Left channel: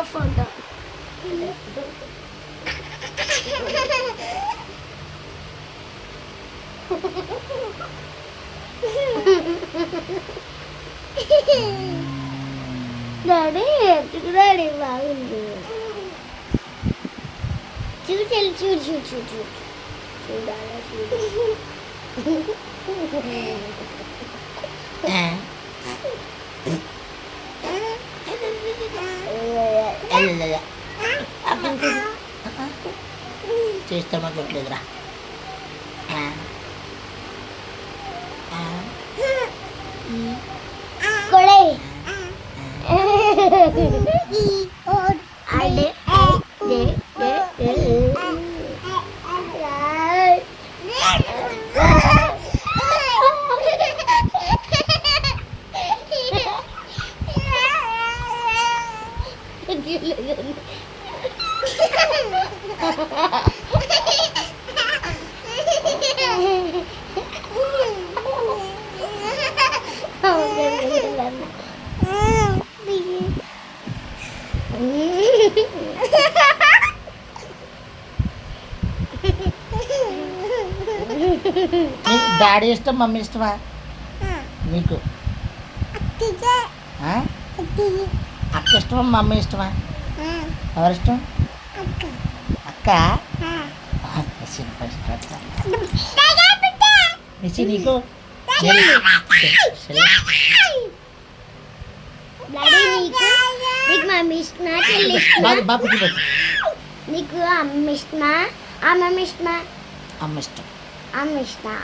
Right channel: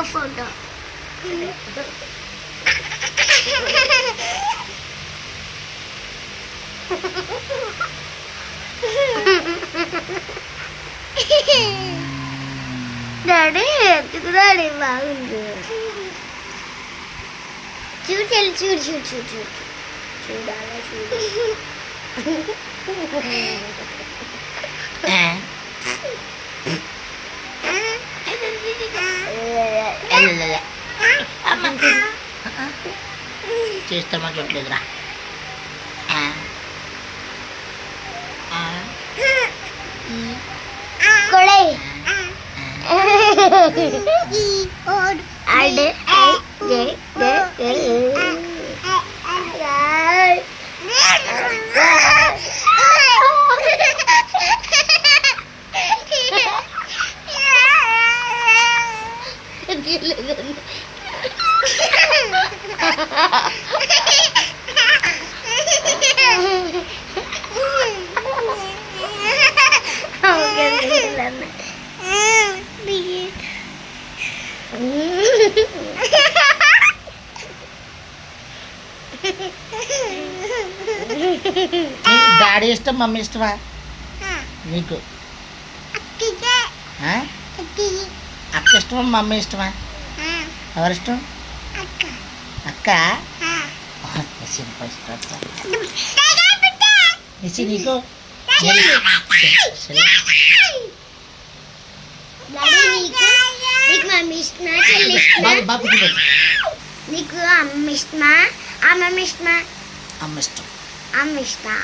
ఇంకో photo. Daddy ఎందుకు daddy బాగుంది. చూడు చెల్లి, చూడు చూడు చూడు చూడు చూడాలా చూడు. చేస్తామా చూడలేదురా. కొడై డాడీ ఇష్టం మమ్మీ ఇష్టమా నీకు? అక్క ఇష్టమా మమ్మీ ఇష్టమా? ఎవరిష్టం? అక్క. నీకు మమ్మీ ఇష్టమా చెల్లి ఇష్టమా? నీకు అమ్మ ఇష్టమా అమ్మమ్మ ఇష్టమా? అమ్మ ఇష్టం. అమ్మ ఇష్టం.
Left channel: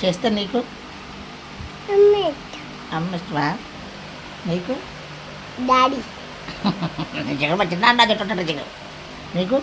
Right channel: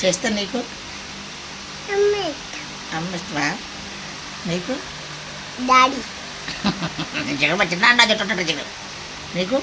చేస్తా నీకు అమ్మ ఇష్టమా? నీకు డాడీ జగన్ చిన్న జగన్ నీకు